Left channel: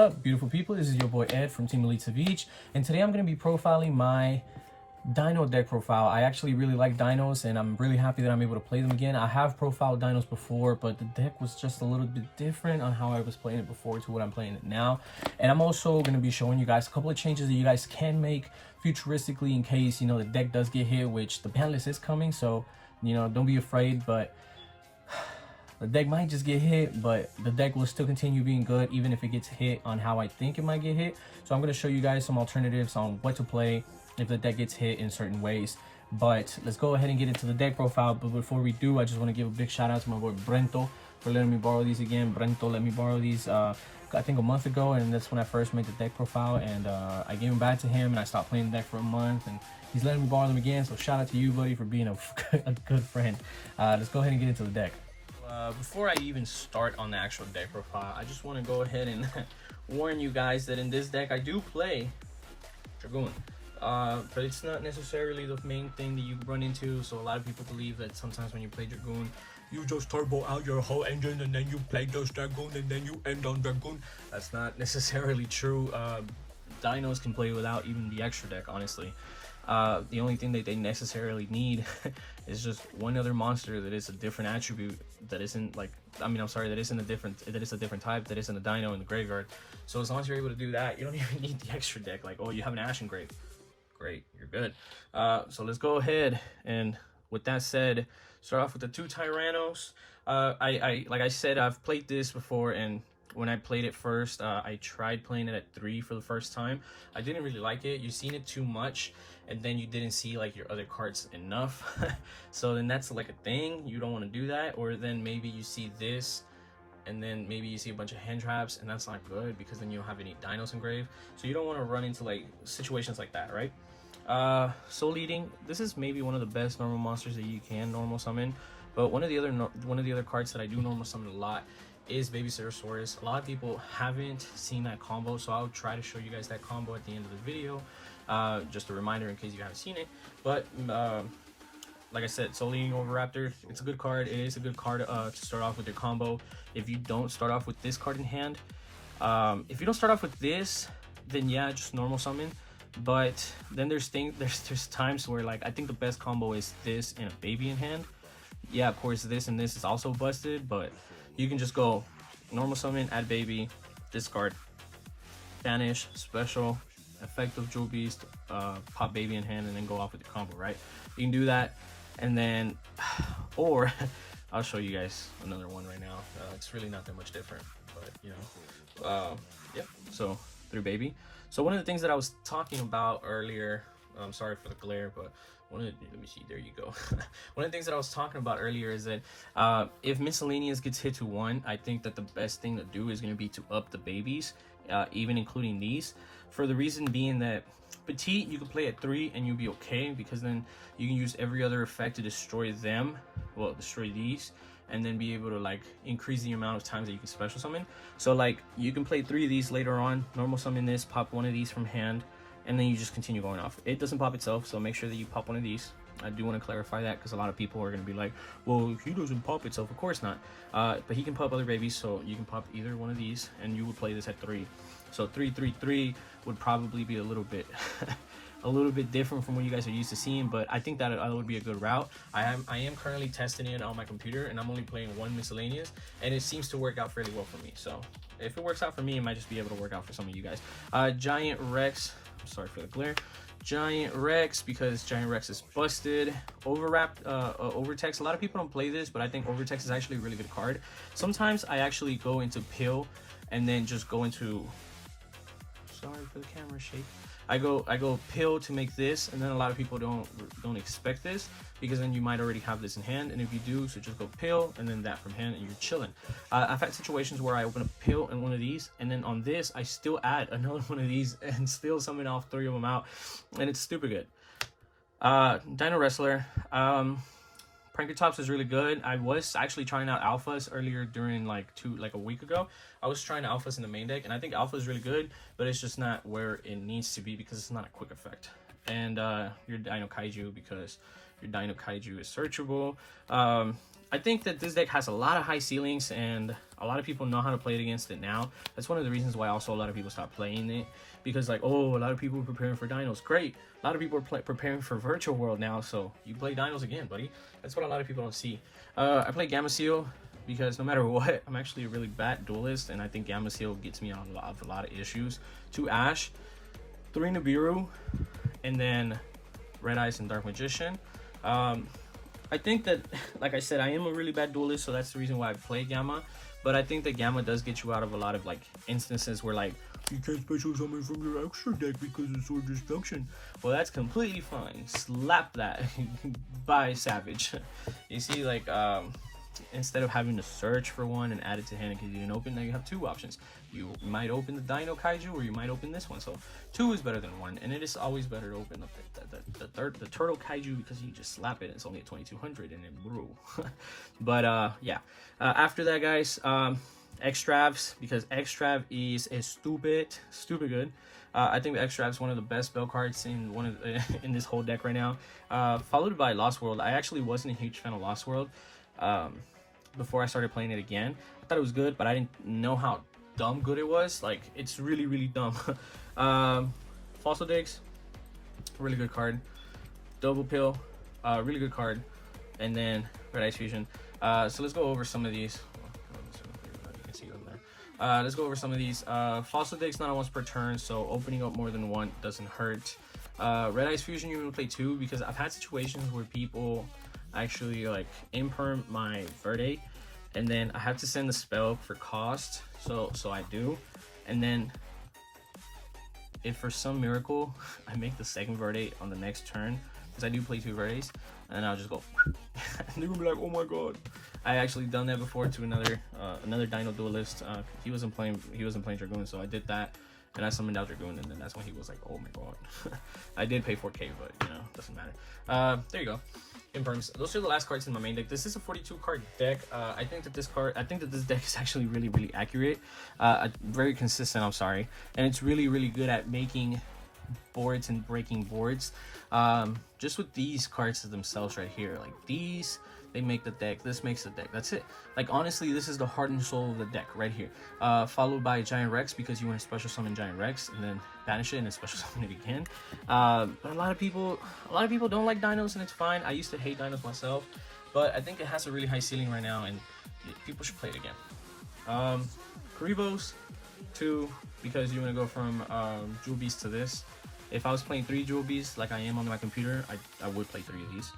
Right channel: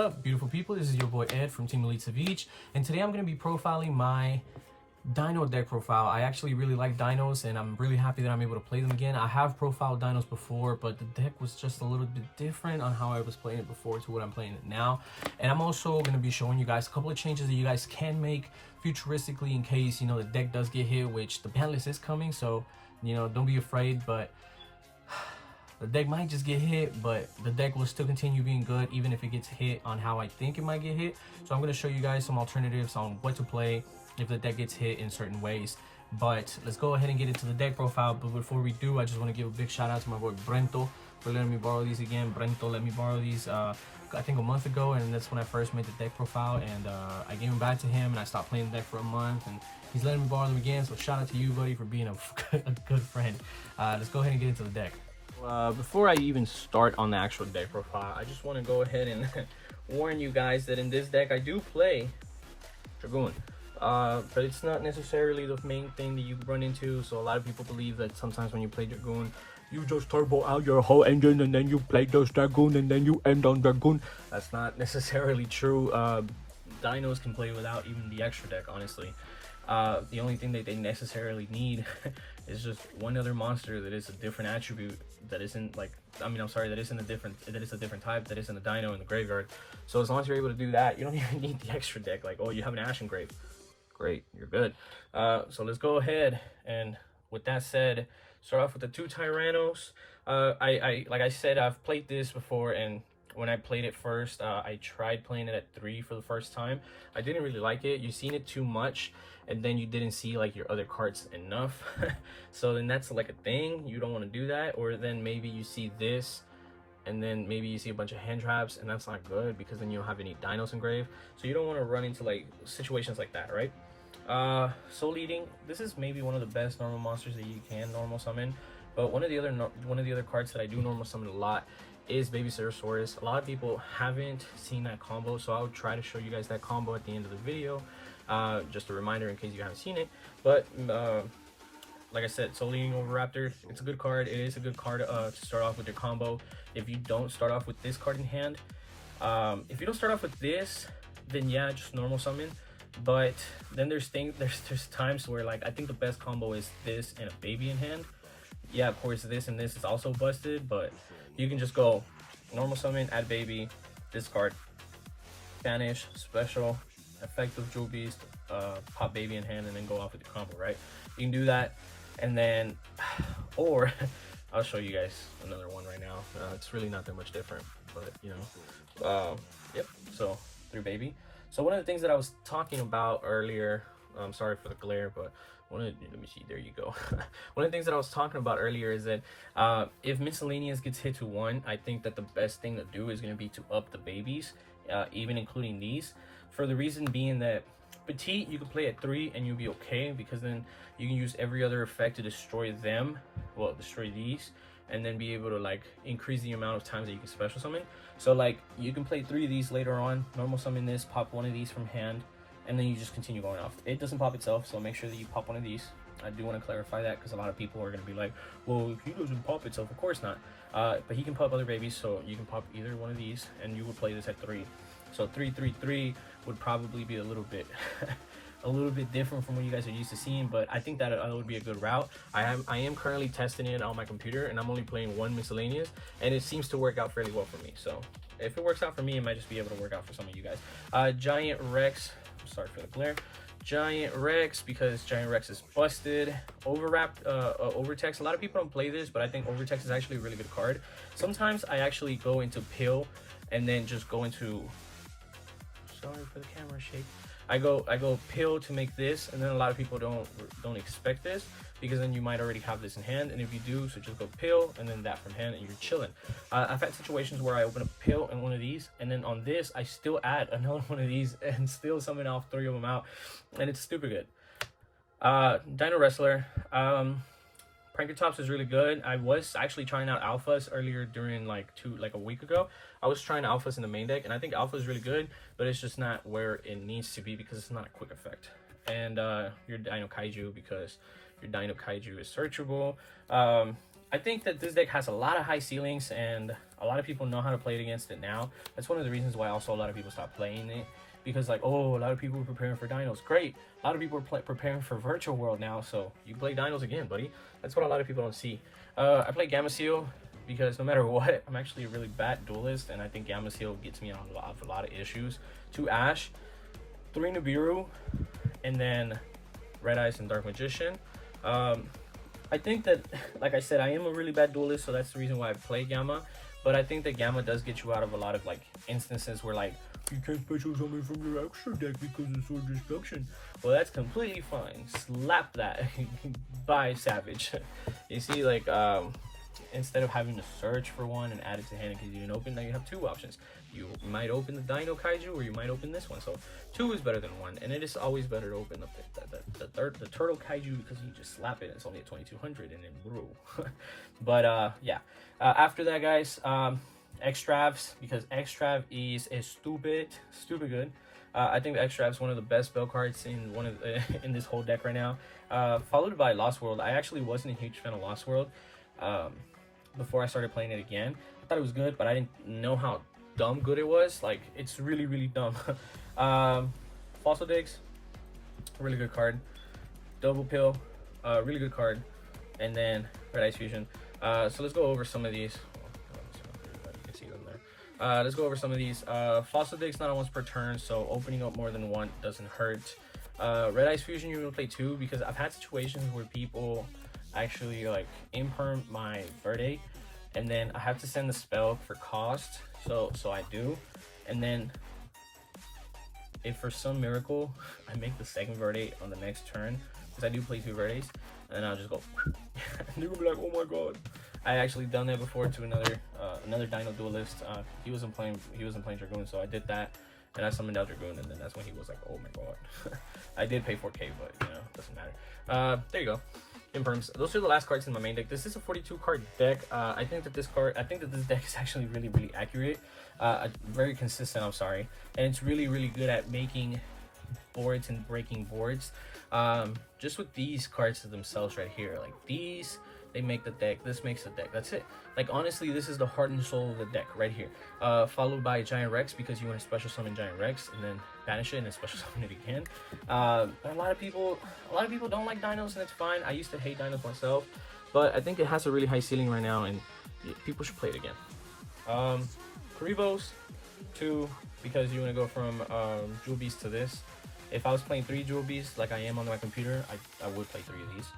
up, beautiful people? This is your boy Ed from Team Elite Savij, and today I'm going to be profiling my Dino deck profile. I actually really like dinos, and I'm really happy that I'm able to play them again. I have profiled dinos before, but the deck was just a little bit different on how I was playing it before to what I'm playing it now. And I'm also going to be showing you guys a couple of changes that you guys can make futuristically in case, you know, the deck does get hit, which the ban list is coming, so, you know, don't be afraid. But the deck might just get hit, but the deck will still continue being good even if it gets hit on how I think it might get hit. So I'm going to show you guys some alternatives on what to play if the deck gets hit in certain ways. But let's go ahead and get into the deck profile. But before we do, I just want to give a big shout out to my boy Brento for letting me borrow these again. Brento let me borrow these I think a month ago, and that's when I first made the deck profile, and I gave them back to him, and I stopped playing the deck for a month, and he's letting me borrow them again. So shout out to you, buddy, for being a good friend. Let's go ahead and get into the deck. Before I even start on the actual deck profile, I just want to go ahead and warn you guys that in this deck I do play Dragoon, but it's not necessarily the main thing that you run into. So a lot of people believe that sometimes when you play Dragoon, you just turbo out your whole engine and then you play just Dragoon and then you end on Dragoon. That's not necessarily true. Dinos can play without even the extra deck, honestly. The only thing that they necessarily need is just one other monster that is a different attribute, that isn't like, that is a different type, that isn't a dino in the graveyard. So as long as you're able to do that, you don't even need the extra deck. Like, oh, you have an Ashen Grave, great, you're good. So let's go ahead, and with that said, start off with the 2 Tyrannos. Like I said, I've played this before, and when I played it first, I tried playing it at 3 for the first time. I didn't really like it. You've seen it too much, and then you didn't see like your other cards enough. So then that's like a thing. You don't want to do that. Or then maybe you see this, and then maybe you see a bunch of hand traps, and that's not good because then you don't have any dinos engraved. So you don't want to run into like situations like that, right? Soul Eating. This is maybe one of the best normal monsters that you can normal summon. But one of the other cards that I do normal summon a lot is Baby Dinosaurs. A lot of people haven't seen that combo, so I'll try to show you guys that combo at the end of the video. Just a reminder in case you haven't seen it. But like I said, Soul Eating Oviraptor, it's a good card. It is a good card to start off with your combo. If you don't start off with this card in hand, if you don't start off with this, then yeah, just normal summon. But then there's times where, like, I think the best combo is this and a baby in hand. Yeah, of course this and this is also busted, but you can just go normal summon, add baby, discard, banish, special, effective Jewel Beast, pop baby in hand, and then go off with the combo, right? You can do that, and then, or I'll show you guys another one right now. It's really not that much different, but you know, yep. So through baby. So one of the things that I was talking about earlier, I'm sorry for the glare, but let me see, there you go. One of the things that I was talking about earlier is that if miscellaneous gets hit to 1, I think that the best thing to do is going to be to up the babies, even including these, for the reason being that petite you can play at 3 and you'll be okay, because then you can use every other effect to destroy them, well, destroy these, and then be able to like increase the amount of times that you can special summon. So like you can play 3 of these later on, normal summon this, pop 1 of these from hand, and then you just continue going off. It doesn't pop itself, so make sure that you pop 1 of these. I do want to clarify that because a lot of people are going to be like, well, he doesn't pop itself. Of course not. But he can pop other babies, so you can pop either one of these, and you will play this at 3. So 3, 3, 3 would probably be a little bit a little bit different from what you guys are used to seeing, but I think that would be a good route. I am currently testing it on my computer, and I'm only playing 1 miscellaneous, and it seems to work out fairly well for me. So if it works out for me, it might just be able to work out for some of you guys. Giant Rex, sorry for the glare. Giant Rex, because Giant Rex is busted. Overtext. A lot of people don't play this, but I think Overtext is actually a really good card. Sometimes I actually go into Pill and then just go into, sorry for the camera shake. I go Pill to make this, and then a lot of people don't expect this, because then you might already have this in hand, and if you do, so just go Pill and then that from hand, and you're chilling. I've had situations where I open a Pill and 1 of these, and then on this I still add another 1 of these and still summon all 3 of them out, and it's stupid good. Dino Wrestler. Prankertops is really good. I was actually trying out alphas earlier during like a week ago. I was trying alphas in the main deck, and I think alpha is really good, but it's just not where it needs to be because it's not a quick effect. And your Dino Kaiju, because your Dino Kaiju is searchable. I think that this deck has a lot of high ceilings and A lot of people know how to play it against it now. That's one of the reasons why also a lot of people stop playing it, because like, oh, a lot of people are preparing for dinos. Great, a lot of people are preparing for virtual world now, so you play dinos again, buddy. That's what a lot of people don't see. I play Gamma Seal because no matter what, I'm actually a really bad duelist, and I think Gamma Seal gets me on a lot of issues. 2 Ash, 3 Nibiru, and then Red Eyes and Dark Magician. I think that, like I said, I am a really bad duelist, so that's the reason why I play Gamma. But I think that Gamma does get you out of a lot of like instances where like, you can't special summon from your extra deck because of sword destruction. Well, that's completely fine. Slap that. Bye, Savij. You see, like, instead of having to search for one and add it to hand because you didn't open, then you have 2 options. You might open the Dino Kaiju, or you might open this one. So 2 is better than 1, and it is always better to open up the Turtle Kaiju because you just slap it and it's only at 2200 and it brew. But yeah, after that, guys, Extravs, because Extrav is stupid good. I think Extrav is one of the best spell cards in in this whole deck right now. Followed by Lost World. I actually wasn't a huge fan of Lost World before I started playing it again. I thought it was good, but I didn't know how dumb good it was. Like, it's really dumb. Fossil Digs, really good card. Double Pill, really good card. And then Red Ice Fusion. So let's go over some of these. You can see them there. Let's go over some of these. Fossil Digs not once per turn, so opening up more than 1 doesn't hurt. Red Ice Fusion, you can play 2, because I've had situations where people actually like imperm my Verde, and then I have to send the spell for cost, so I do, and then if for some miracle I make the second Verde on the next turn, because I do play 2 Verdes, and I'll just go and they're gonna be like, oh my god. I actually done that before to another Dino duelist. He wasn't playing Dragoon, so I did that, and I summoned out Dragoon, and then that's when he was like, oh my god. I did pay 4k, but you know, doesn't matter. There you go. Imperms. Those are the last cards in my main deck. This is a 42 card deck. I think that this deck is actually really accurate. Very consistent, I'm sorry. And it's really good at making boards and breaking boards. Just with these cards themselves right here, like these, they make the deck. This makes the deck. That's it. Like, honestly, this is the heart and soul of the deck right here. Followed by Giant Rex, because you want to special summon Giant Rex and then banish it and then special summon it again. But a lot of people don't like dinos, and it's fine. I used to hate dinos myself, but I think it has a really high ceiling right now, and people should play it again. Karibos 2, because you want to go from Jewel Beast to this. If I was playing 3 Jewel Beasts like I am on my computer, I would play 3 of these.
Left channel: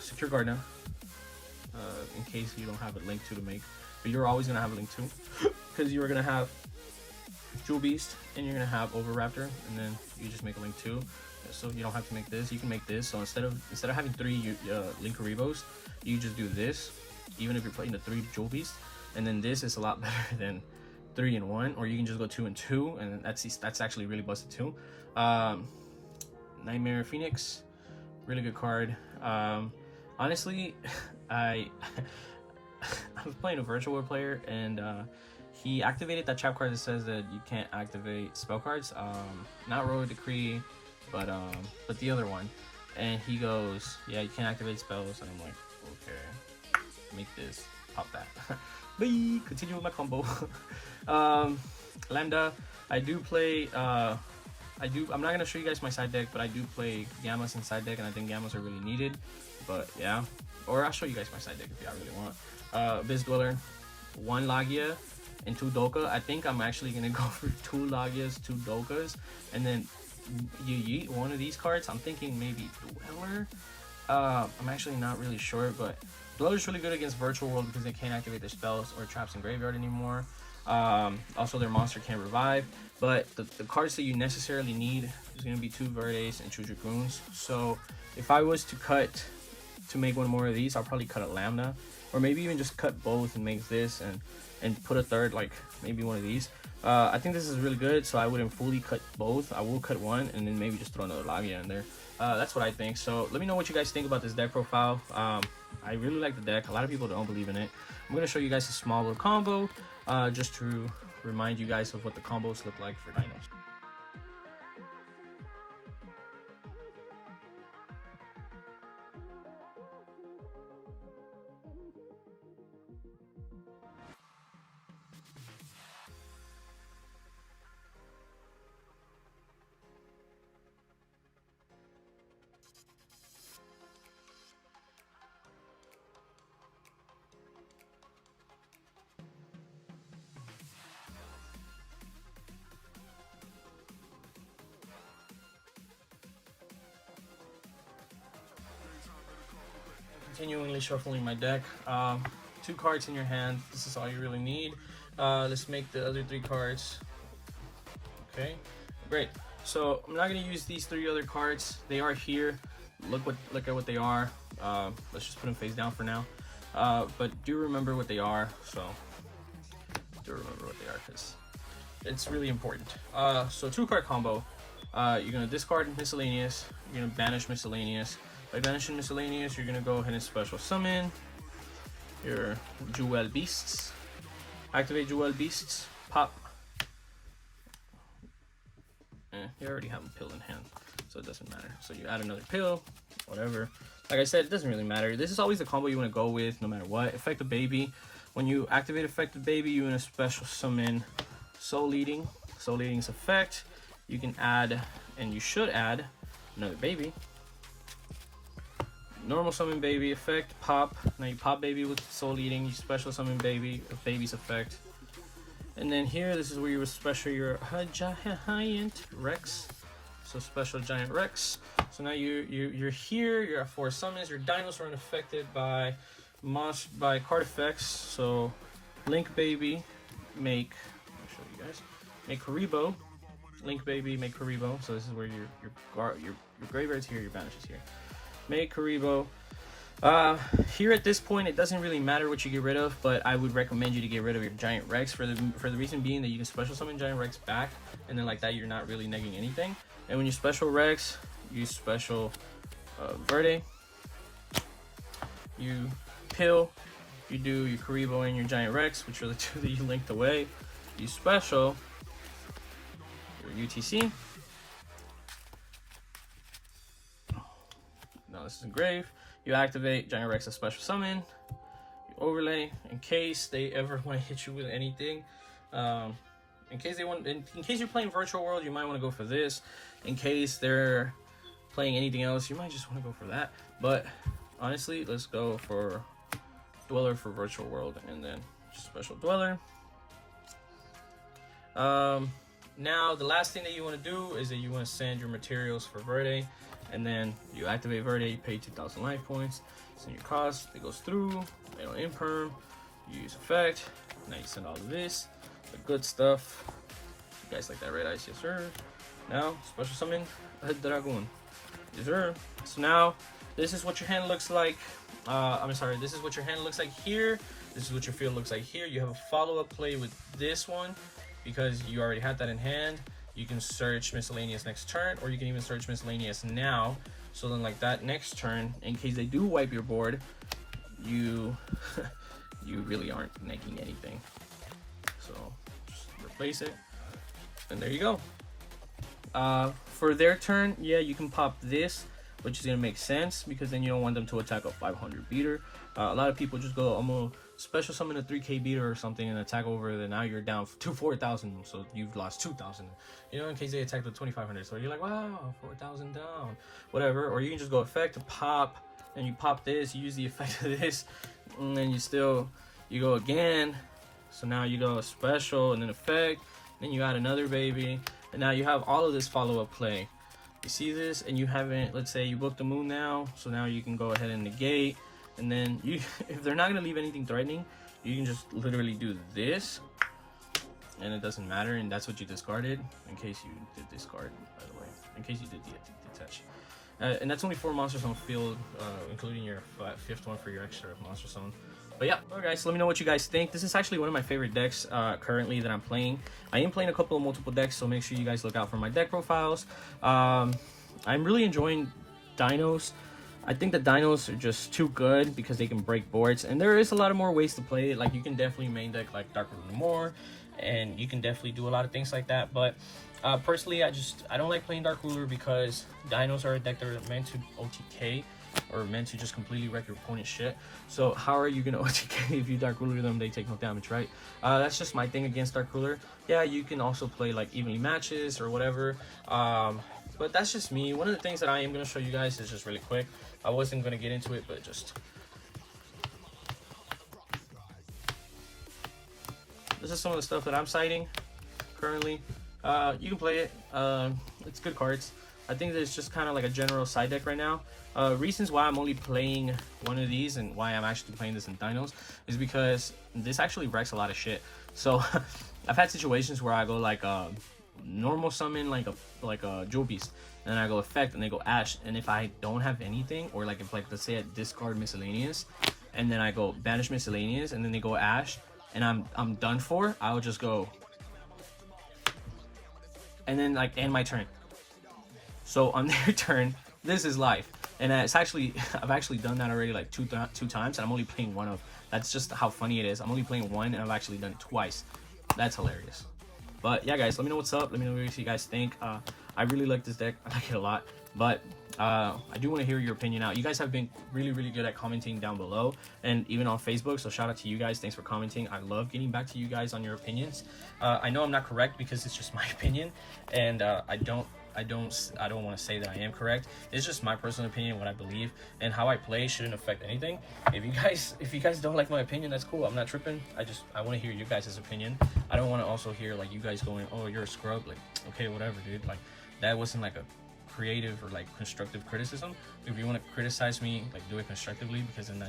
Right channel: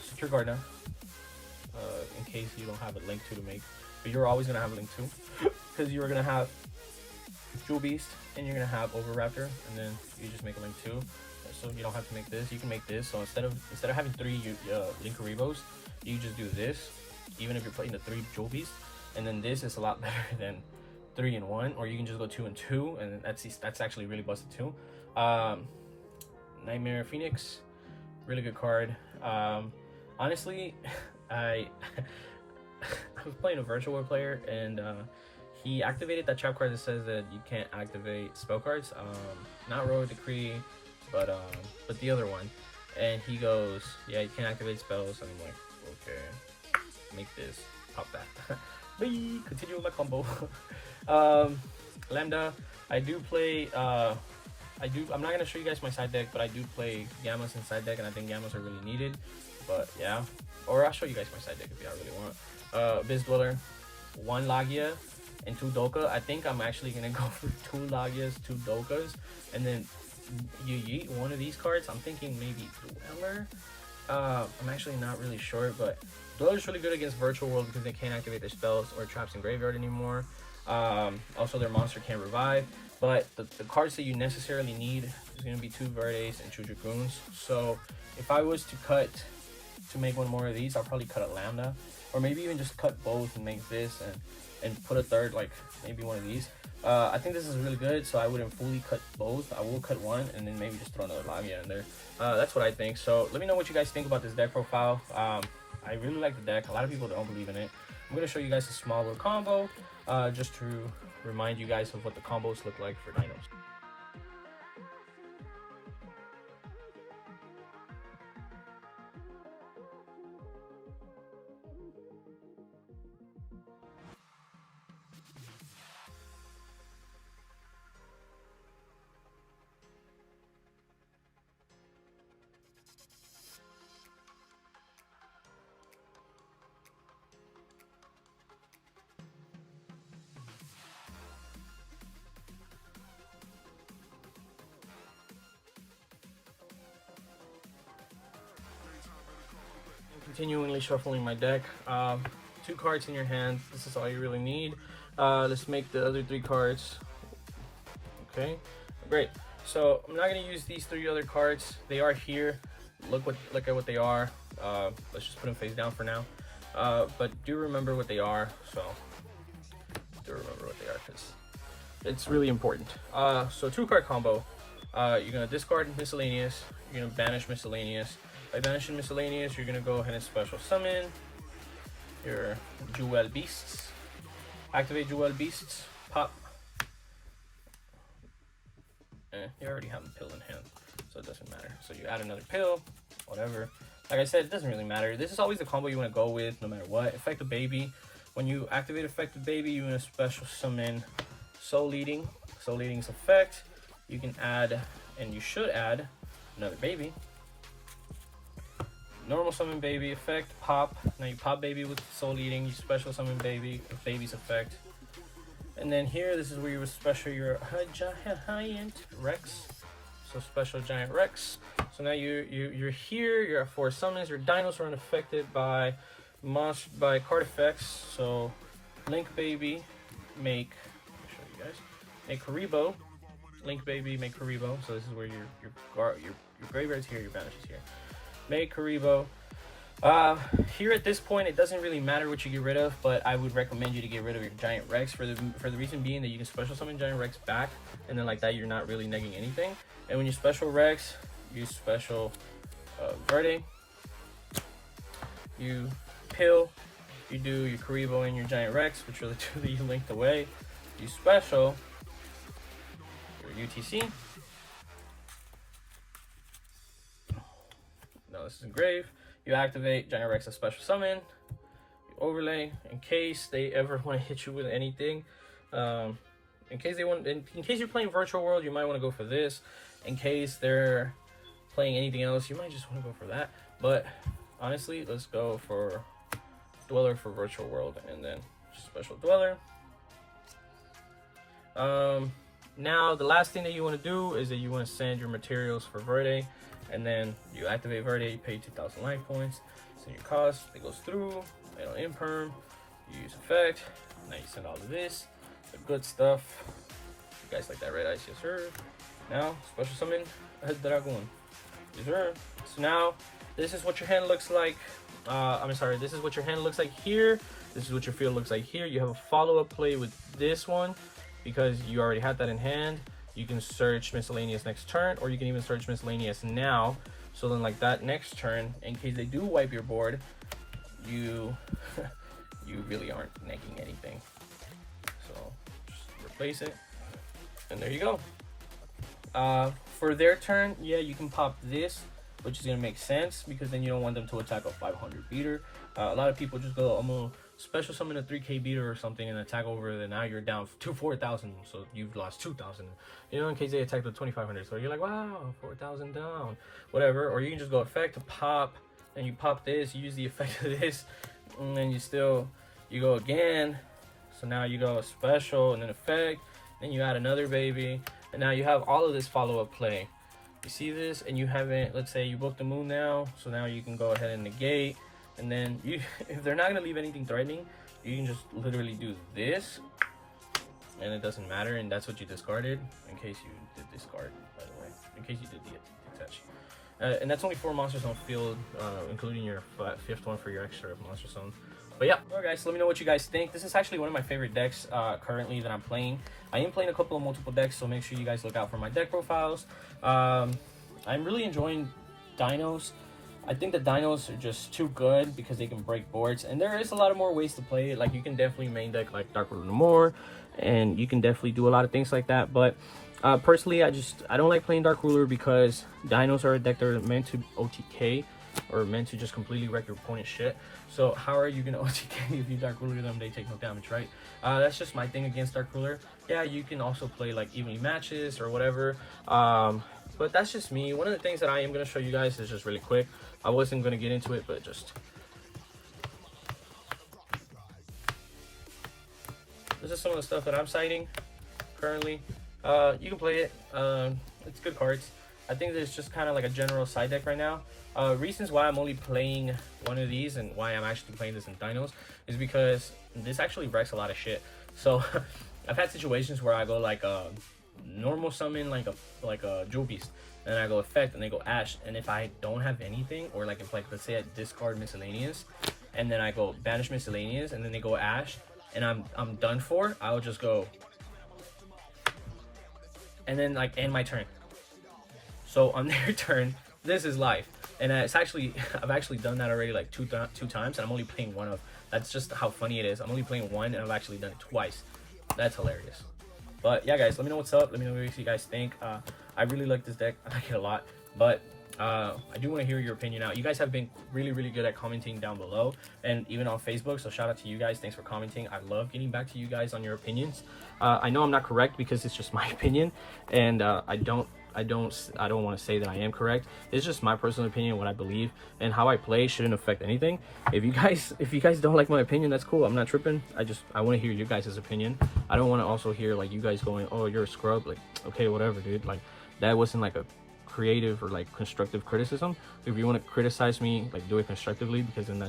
Secure Gardener, in case you don't have a link to make, but you're always gonna have a link to, because you're gonna have Jewel Beast and you're gonna have Overraptor, and then you just make a link to, so you don't have to make this. You can make this. So instead of having 3 Link Karibos, you just do this, even if you're playing the 3 Jewel Beast, and then this is a lot better than 3 and 1, or you can just go 2 and 2, and that's actually really busted too. Nightmare Phoenix, really good card. Honestly, I was playing a virtual world player, and he activated that trap card that says that you can't activate spell cards. Not Royal Decree, but the other one. And he goes, yeah, you can't activate spells. And I'm like, okay, make this, pop that. Bye. Continue with my combo. Lambda, I do play. I'm not gonna show you guys my side deck, but I do play Gammas in side deck, and I think Gammas are really needed. But yeah, or I'll show you guys my side deck if y'all really want. Abyss Dweller, 1 Lagia and 2 Doka. I think I'm actually gonna go for 2 Lagias, 2 Dokas, and then you yeet one of these cards. I'm thinking maybe Dweller. I'm actually not really sure, but Dweller's really good against Virtual World because they can't activate their spells or traps in graveyard anymore. Also, their monster can't revive. But the cards that you necessarily need is going to be 2 Verdes and 2 Dragoons. So if I was to cut to make one more of these, I'll probably cut a Lambda, or maybe even just cut both and make this and put a third, like maybe one of these. I think this is really good, so I wouldn't fully cut both. I will cut one and then maybe just throw another Lagia in there. That's what I think. So let me know what you guys think about this deck profile. I really like the deck. A lot of people don't believe in it. I'm going to show you guys a small little combo just to remind you guys of what the combos look like for dinos. Continually shuffling my deck. 2 cards in your hand. This is all you really need. Let's make the other 3 cards. Okay, great. So I'm not gonna use these 3 other cards. They are here. Look at what they are. Let's just put them face down for now. But do remember what they are. So do remember what they are because it's really important. So 2-card combo. You're gonna discard miscellaneous. You're gonna banish miscellaneous. By banishing miscellaneous, you're gonna go ahead and special summon your Jewel Beasts. Activate Jewel Beasts. Pop. You already have a pill in hand, so it doesn't matter. So you add another pill, whatever. Like I said, it doesn't really matter. This is always the combo you want to go with, no matter what. Effective Baby. When you activate Effective Baby, you're gonna special summon Soul Leading. Soul Leading's effect. You can add, and you should add, another baby. Normal summon baby effect, pop. Now you pop baby with Soul Leading, you special summon baby with baby's effect. And then here, this is where you would special your giant Rex. So special giant Rex. So now you're here, you're at 4 summons, your dinos are unaffected by card effects. So Link Baby, make, I'll show you guys, make Karibo. Link Baby, make Karibo. So this is where your graveyard's here, your banish is here. Make Karibo. Here at this point, it doesn't really matter what you get rid of, but I would recommend you to get rid of your Giant Rex for the reason being that you can special summon Giant Rex back, and then like that you're not really negging anything. And when you special Rex, you special Verde, you pill, you do your Karibo and your Giant Rex, which are the 2 that you linked away. You special your UTC. Now this is engrave. You activate Giant Rex as special summon. You overlay in case they ever want to hit you with anything. In case you're playing Virtual World, you might want to go for this. In case they're playing anything else, you might just want to go for that. But honestly, let's go for Dweller for Virtual World and then special Dweller. Now the last thing that you want to do is that you want to send your materials for Verde. And then you activate Verde, you pay 2,000 life points, send your cost, it goes through, they don't imperm, you use effect, now you send all of this, the good stuff. You guys like that red ice? Yes sir. Now, special summon a Dragon. Yes sir. So now, this is what your hand looks like. This is what your hand looks like here. This is what your field looks like here. You have a follow-up play with this one, because you already had that in hand. You can search miscellaneous next turn, or you can even search miscellaneous now. So then like that next turn, in case they do wipe your board, you you really aren't negging anything. So just replace it, and there you go. For their turn, yeah, you can pop this, which is gonna make sense because then you don't want them to attack a 500 beater. A lot of people just go almost special summon a 3k beater or something and attack over, then now you're down to 4,000, so you've lost 2,000, you know, in case they attack the 2,500. So you're like, wow, 4,000 down, whatever. Or you can just go effect, pop, and you pop this, you use the effect of this, and then you go again. So now you go special and then effect, then you add another baby, and now you have all of this follow-up play. You see this, and you haven't, let's say you booked the moon now, so now you can go ahead and negate. And then you, if they're not gonna leave anything threatening, you can just literally do this, and it doesn't matter. And that's what you discarded, in case you did discard, by the way, in case you did detach. And that's only 4 monsters on the field, including your 5th one for your extra monster zone. But yeah, alright guys, so let me know what you guys think. This is actually one of my favorite decks currently that I'm playing. I am playing a couple of multiple decks, so make sure you guys look out for my deck profiles. I'm really enjoying Dinos. I think the Dinos are just too good because they can break boards, and there is a lot of more ways to play it. Like you can definitely main deck like Dark Ruler more, and you can definitely do a lot of things like that. But personally, I don't like playing Dark Ruler because Dinos are a deck that are meant to OTK. or meant to just completely wreck your opponent's shit. So how are you gonna OTK if you Dark Ruler them? They take no damage, right? That's just my thing against Dark Ruler. Yeah, you can also play like evenly matches or whatever. But that's just me. One of the things that I am gonna show you guys is just really quick. I wasn't gonna get into it, but just this is some of the stuff that I'm citing currently. You can play it. It's good cards. I think it's just kind of like a general side deck right now. Reasons why I'm only playing one of these and why I'm actually playing this in Dinos is because this actually wrecks a lot of shit. So I've had situations where I go like normal summon like a Jewel Beast, and I go effect and they go Ash, and if I don't have anything, or like if like let's say I discard Miscellaneous and then I go banish Miscellaneous and then they go Ash and I'm done for, I'll just go and then like end my turn. So on their turn, this is life. And it's actually, I've actually done that already like two times, and I'm only playing one of. That's just how funny it is. I'm only playing one, and I've actually done it twice. That's hilarious. But yeah, guys, let me know what's up. Let me know what you guys think. I really like this deck. I like it a lot. But I do want to hear your opinion out. You guys have been really, really good at commenting down below, and even on Facebook. So shout out to you guys. Thanks for commenting. I love getting back to you guys on your opinions. I know I'm not correct because it's just my opinion, and I don't want to say that I am correct. It's just my personal opinion, what I believe, and how I play shouldn't affect anything. If you guys don't like my opinion, that's cool. I'm not tripping. I want to hear you guys' opinion. I don't want to also hear like you guys going, oh, you're a scrub. Like, okay, whatever, dude. Like, that wasn't like a creative or like constructive criticism. If you want to criticize me, like, do it constructively, because then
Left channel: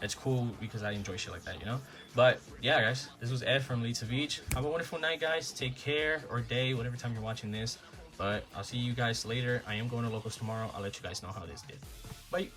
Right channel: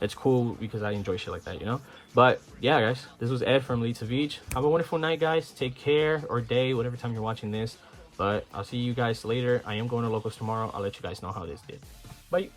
it's cool, because I enjoy shit like that, you know. But yeah, guys, this was Ed from Savij. Have a wonderful night, guys. Take care, or day, whatever time you're watching this. But I'll see you guys later. I am going to locals tomorrow. I'll let you guys know how this did. Bye.